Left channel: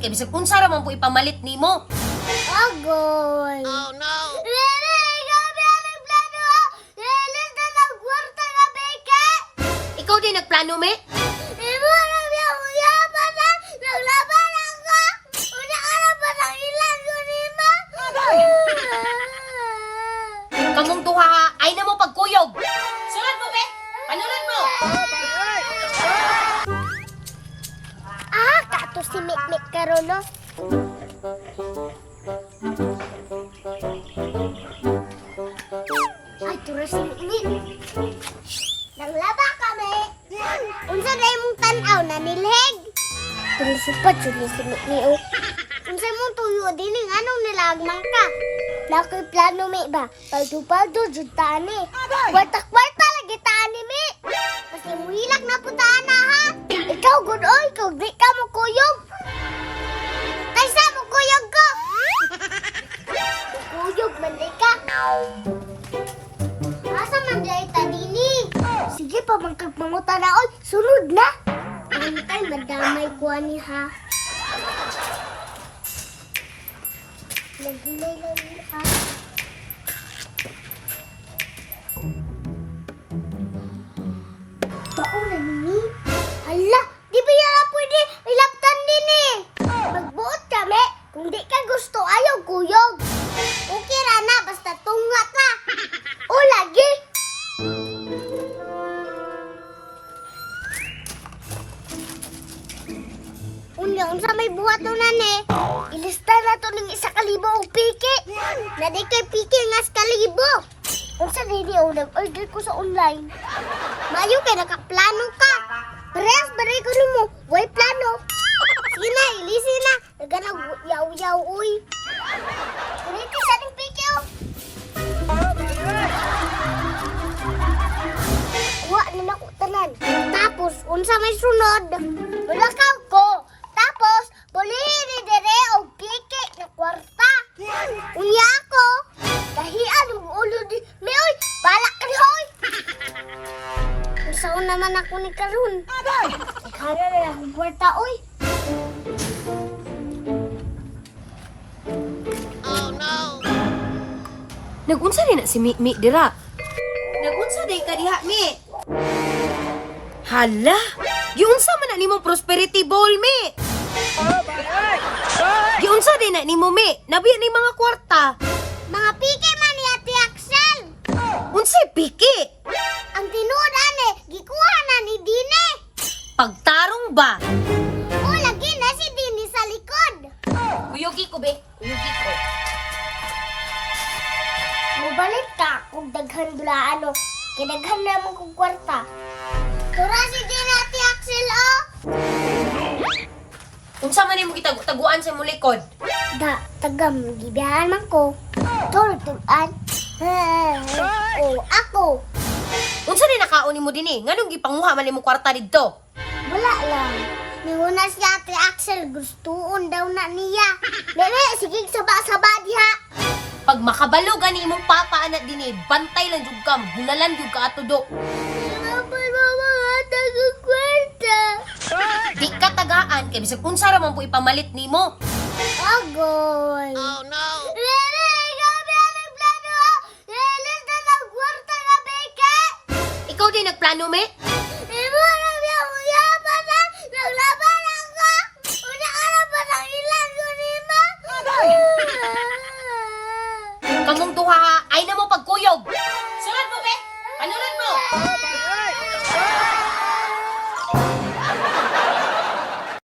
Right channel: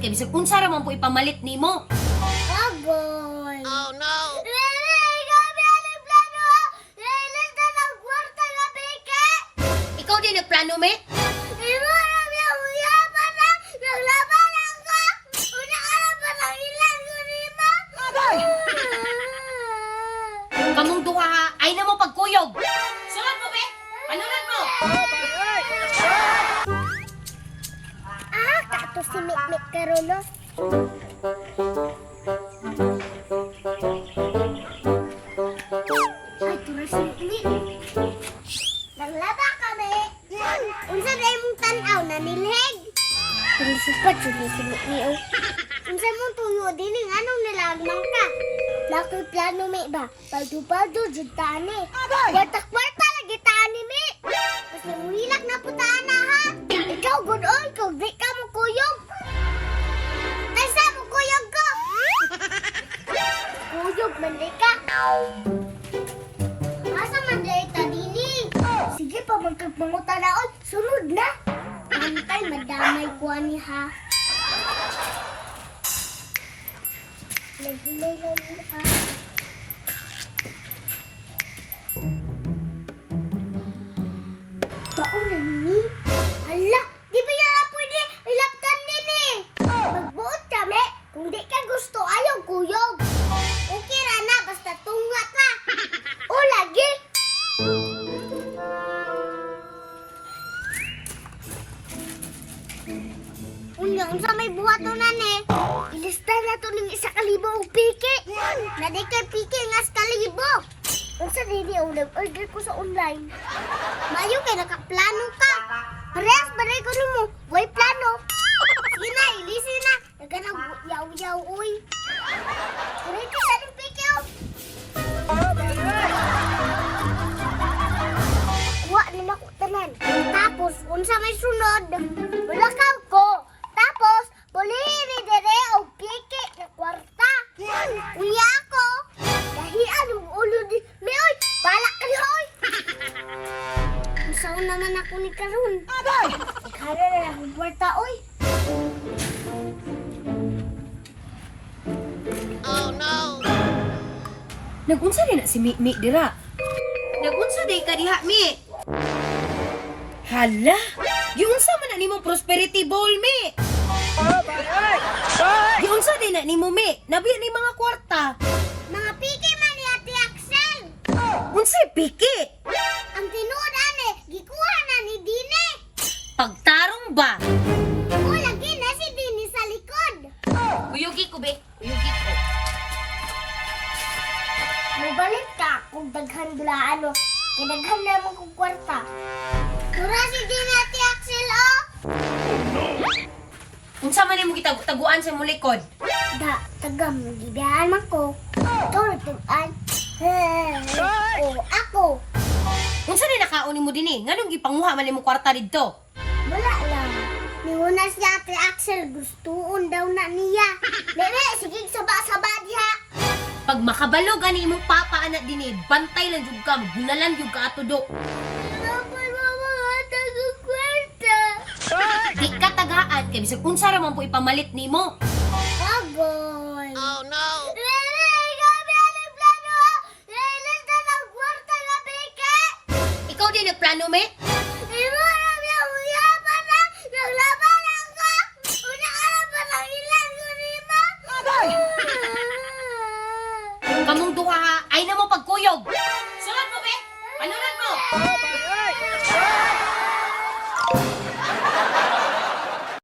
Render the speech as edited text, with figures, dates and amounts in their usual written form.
kay bisag unsa ra man po ipamalit nimo. Agoy. Oh no! Ikaw din nagplano, me? Kamong duha, ay na mo pagkuyog. Sunod mo, be? Panunod mo. Kato si Mikmik karon no. Ay, turo si Mikmik. Naglaba kami. Unsa na imong tan-aw na nilheg? Tulisipat si Mikmik. Unsa mong tuyo din anong nilagman ka? Nakoy plano mi ba? Paldo-paldo jud tani. Kwarta-kwarta lagi tani mi. Kasi muhilak na po taana ha. Ikaw good oy, ikaw di ka mo kuyog. Kaysa mo kuyog ko. Kuyog man di ka. Asa man di ta dili? Sige pa magkagmanguta na oy, sunod na. Antay madamay ko ani ha. Naghilay ha. Taon na ni. Hala, di ba yan pwede ilaptan din eh. Magbuot kami. Kung di ka gusto, ayaw kuyog. Okay ra na, basta tunga ka. O lagi. Unsa may buhaton na ni. Ilista na to ng 1,000 og piki. Na di kay piki nga 1,000. Unsa dili o nag-order ko sa online. Mayo kay nakaplano ka. Parehas bari ko nimo. Way plano. Sige na, ilisi na. Nagana yaw-yaw uy. Kuri ka sa ning piki o. Wa na nako tanan. Tapos unsa may sunod? Wala ko. Tapos, puliri dire og piki na kwarta. Unya ako. Dahian ang ulo di. May oy, balak ka ni hoy. Usaon naman ako ni karon. Kaya na akong kwarta oy. Oh no! Nagunsa din na si Mi dira. Nagunsa din ka diha, Mi. Hala, giunsa man na nimo prosperity ball, Mi. Giunsa din na nimo, Mi. Nabiya ni mga kwarta. Mga piki man ni Ate Axel. Unsay piki? Ang tinuod ane, gikuha na ni Dine. Pagtarong ba? O lagi na si Dine sa likod. Uyugi ko, be. Uyugi ko. Mabalik ka kung daghan dula ano. Kinaghan na mo kong kwarta. Tura si Dine Ate Axel o. Unsa man nimo gitaguan sa imong likod? Da, tagam, gibiyahan man ko. Turutuan. O, ako. Unsa din nakaon nimo dinhi? Nganong gipanguha man nimo kwarta didto? Wala lang. Niuna si Ate Axel, gustuon daw na niya. Nene, sige, saba-saba diha. Pag makabalo gani imong papa anak dinhi, bantay lang jud ka, bunalan jud ka ato do. Kapag mamangata ko kwarta. Di ka tagaan kay bisag unsa ra man po ipamalit nimo. Agoy. Oh no! Nene, gabi ang plano. Nene, tatang kwarta na beke. Ikaw din nagplano, me? Imo na biya uyapan na. Naglaban ako. Una ka na ba ng ilan ko ni ma? Kamong duha, ay